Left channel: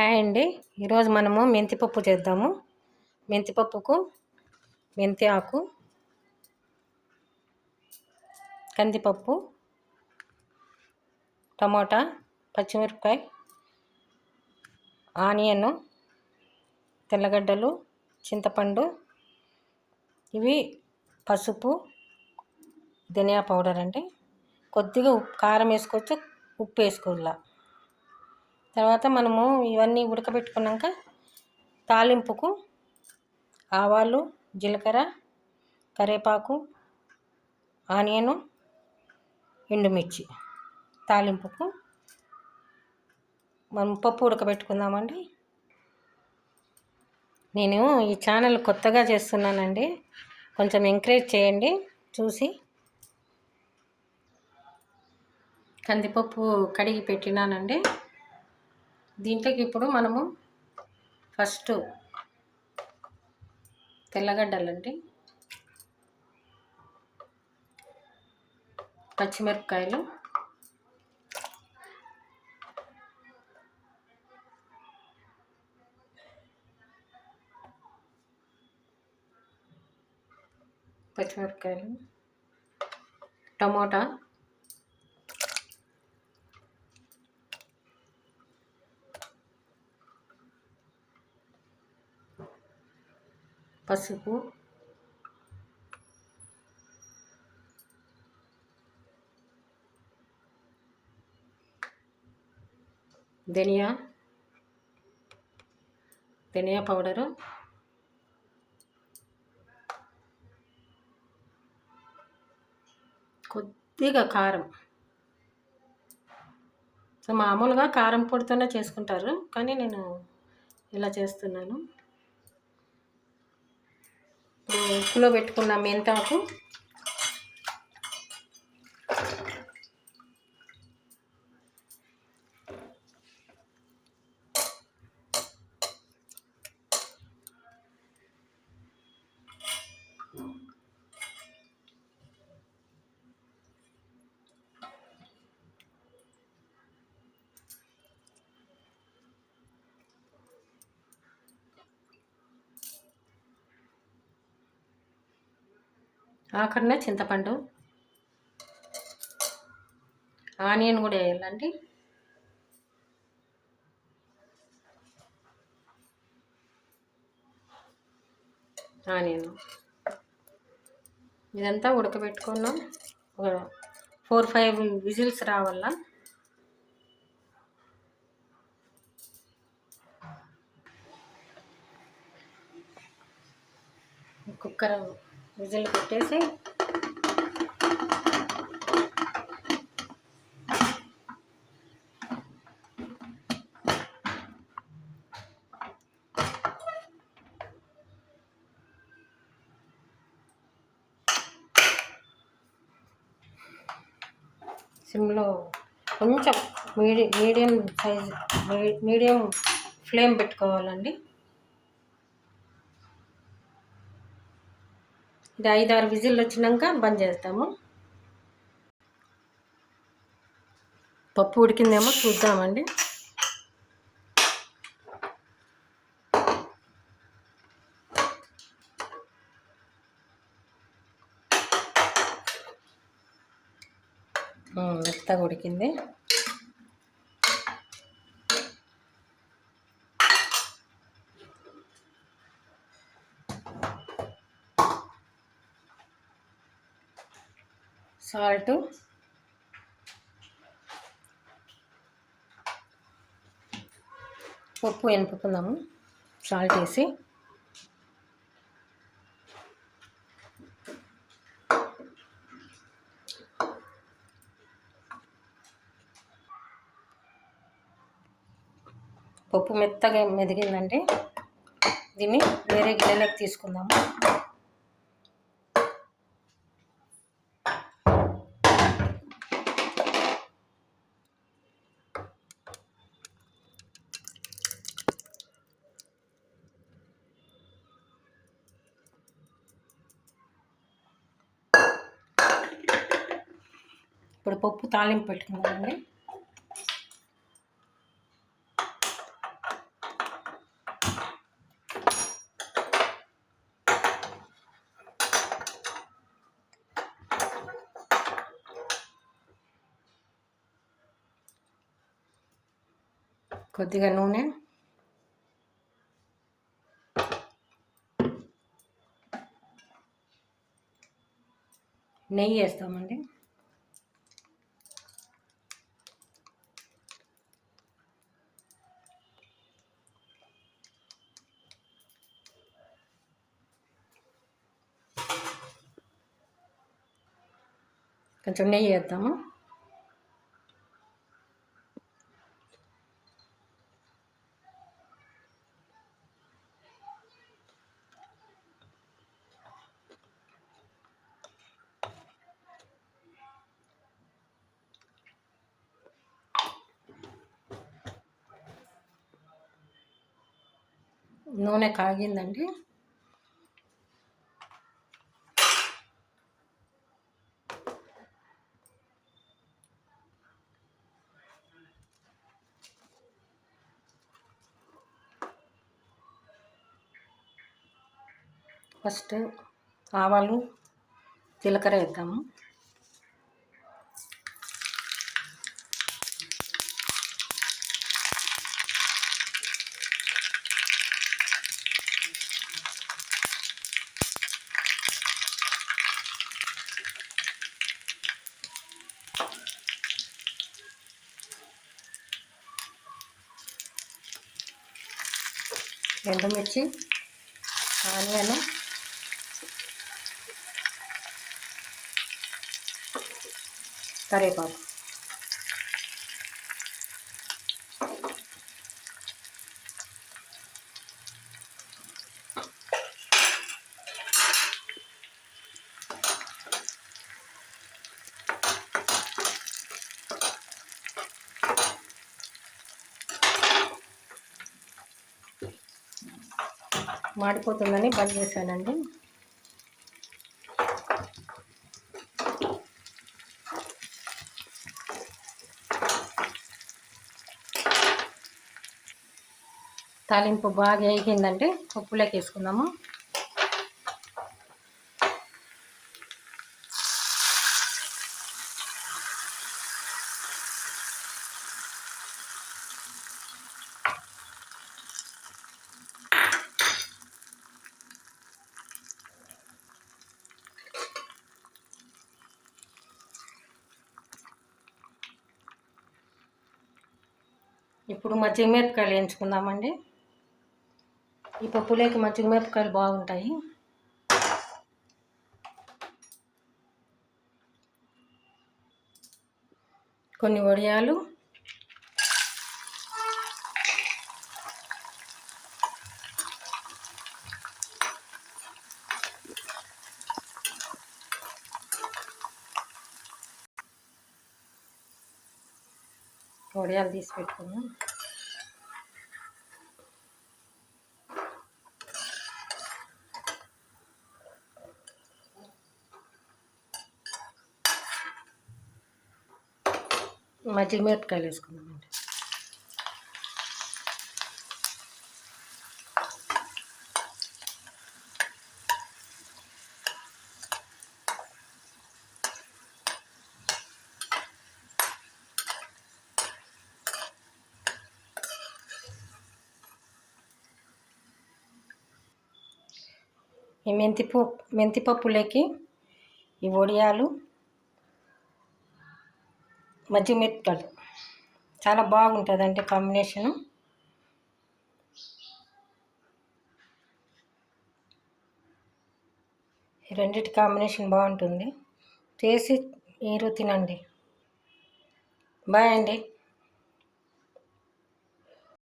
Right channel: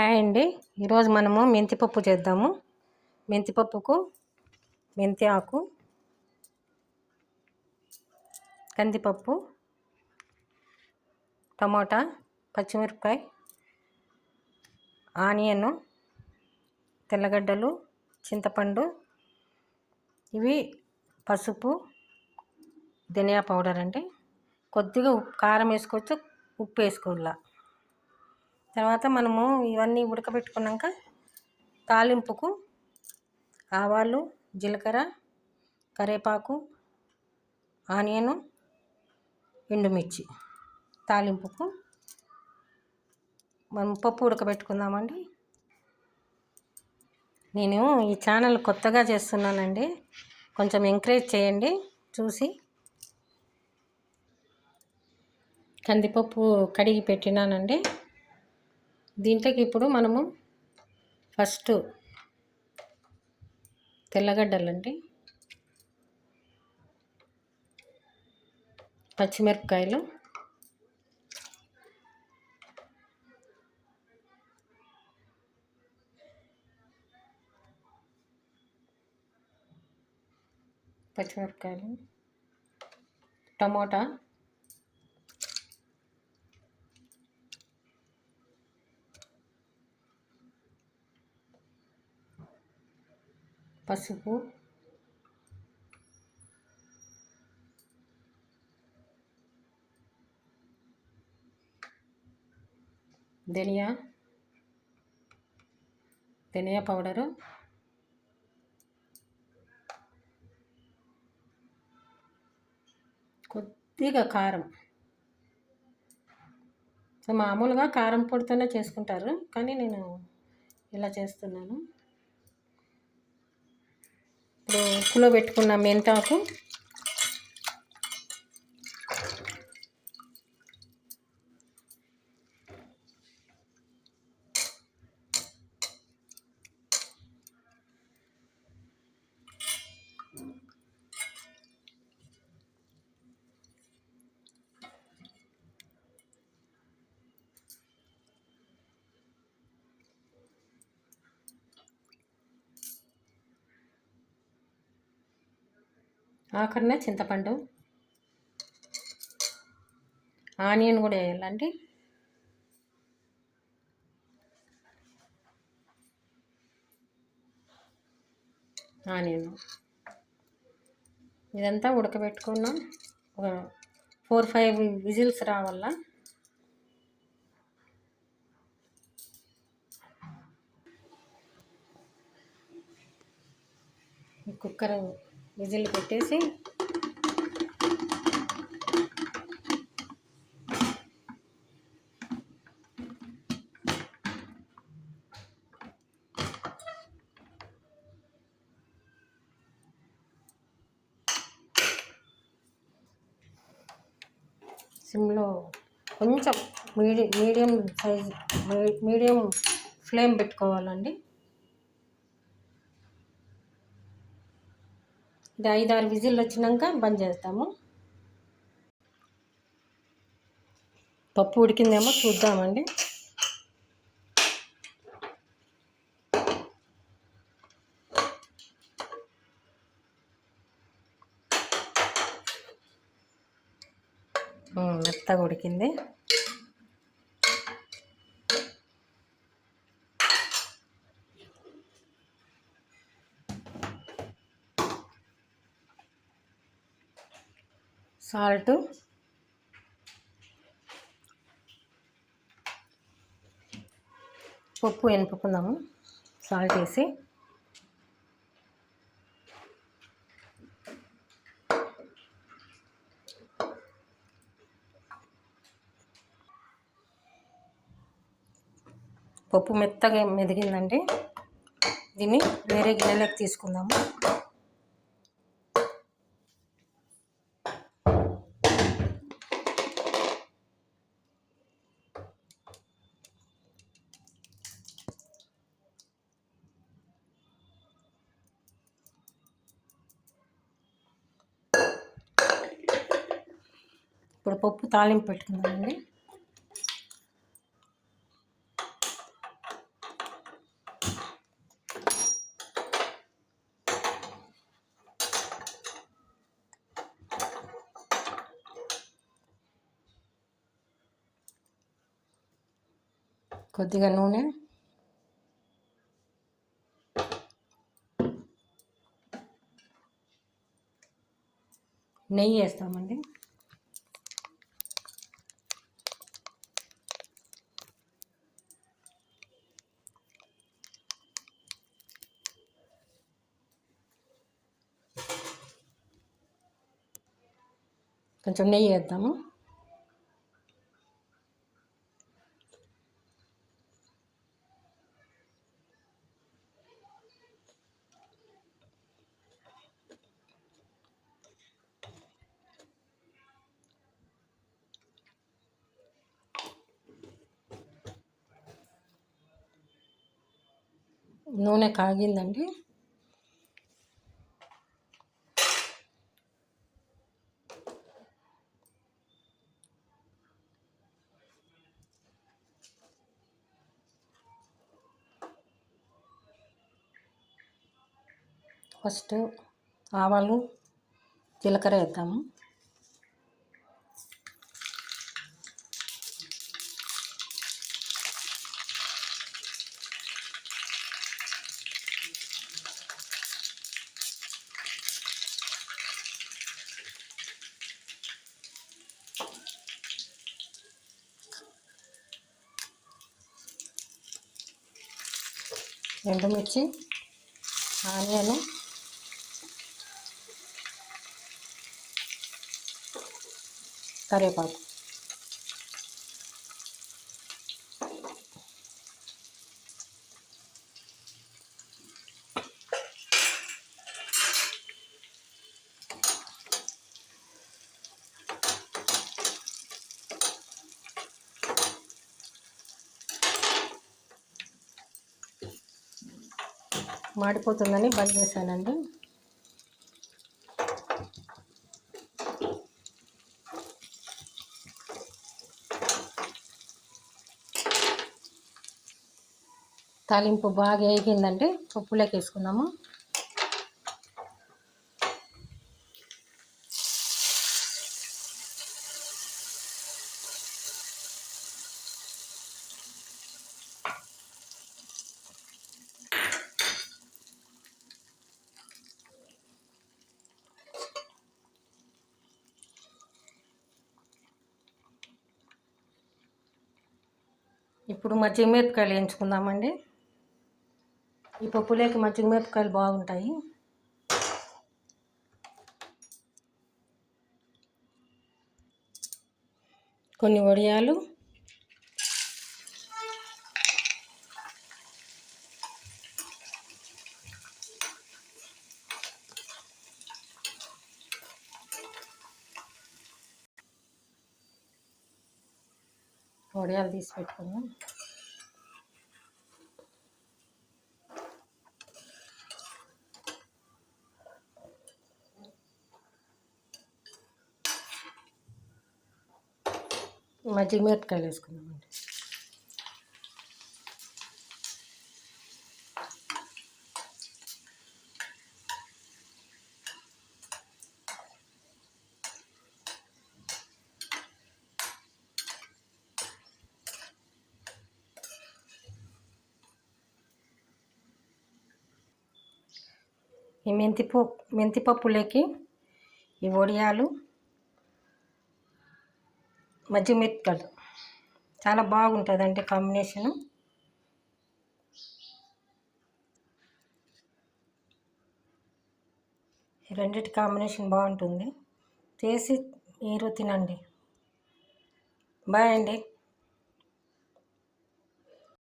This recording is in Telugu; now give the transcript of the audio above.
హాయ్ అండి. ఈరోజు మనము మెంతిపప్పు చేద్దాము. మెంతిపప్పుకు మెంతి ఆకు, కందిపప్పు, టమోటా, పచ్చిమిరపకాయ, ఆనియన్, తెల్లగడ్డలు, చింతపండు, ఇవి పసుపు, ధనియా పౌడర్ అండి. కొద్దిగా కారం వేసుకోవచ్చు, ఉప్పు వేసుకోవాల. తర్వాత మనము ఇవన్నీ ఉడకబెట్టుకున్నాక తాలింపుకు ఆవాలు, జీలకర్ర, కరివేపాకు, ఆనియను, ఎండుమిర్చి తాలింపుకు మనం పప్పు ఉడకబెట్టుకుందామండి. నేను ఈ ఛానల్ కొత్తగా చేస్తున్నానండి, కొంచెం ఎంకరేజ్ చేయండి. చూసి కందిపప్పు కడిగి పెట్టినానండి. దీంట్లోకి ఇప్పుడు మనము ఫస్ట్ తెల్లగడ్డలండి, పచ్చిమిరపకాయలు, టమోటా, పసుపు, ధనియా పౌడరు, కొద్దిగా కారం. మామూలుగా కారం పొడితోనే చేసుకుంటారు, కానీ నేను ఇలా చేస్తున్నాను. ఉప్పులో పెట్టుకున్న మెంతాకు, ఆఖరిన చింతపండు, ఆనియన్ కూడా వేయాలండి. ఆనియన్ ఇదంతా ఉడకబెట్టుకున్నాం. ఒక 4-5 విజిల్స్ రావాల. కుక్కర్ విజిల్ పెట్టేసి సిమ్లో కొంచెం మీడియం ఫ్లేమ్ పెట్టుకోవాలండి. ఇది 5-6 విజిల్ వచ్చినాక బంద్ చేస్తాము. పప్పు ఉడికిందేమో చూద్దామండి. మెత్తగా ఉడికింది. సాల్ట్, పప్పు ఎనుపుకుందాము. సాల్ట్ వేసి పప్పు మెత్తగా మెదిగిందండి. దీన్ని వేరే గిన్నెలోకి తీసుకుందాము. ఇప్పుడు పప్పు తాలింపు పెట్టుకుందామండి. కొద్దిగా నూనె, నెయ్యి వేస్తామండి. కొంచెం నెయ్యి వేద్దాము. నూనె కాగిందండి. ఫస్ట్ ఆవాలు, జీలకర్ర వేద్దాము. ఎండుమిర్చి, ఆనియన్, కరివేపాకు. మాడిపోతుందని బంద్ చేశానండి. తాలింపు బాగా వేగిందంటే పప్పులోకి వేసుకుందాము. ఇప్పుడు మజ్జిగమిరపకాయలు వేయించుకుందామండి. ఈ పప్పులోకి మజ్జిగమిరపకాయలు బాగుంటాయి. కొన్ని వడియాలు, తీసి పెట్టుకున్నాం. మజ్జిగమిరపకాయలు వేసుకుందామండి. ఈ మెంతిపప్పులోకి ఈ వడియాలు, మజ్జిగమిరపకాయలు చాలా బాగుంటుందండి కాంబినేషను. ఈ రెండిటి కాంబినేషన్ బాగుంటుంది. చేసి మీరు తినండి. బాయ్ అండి.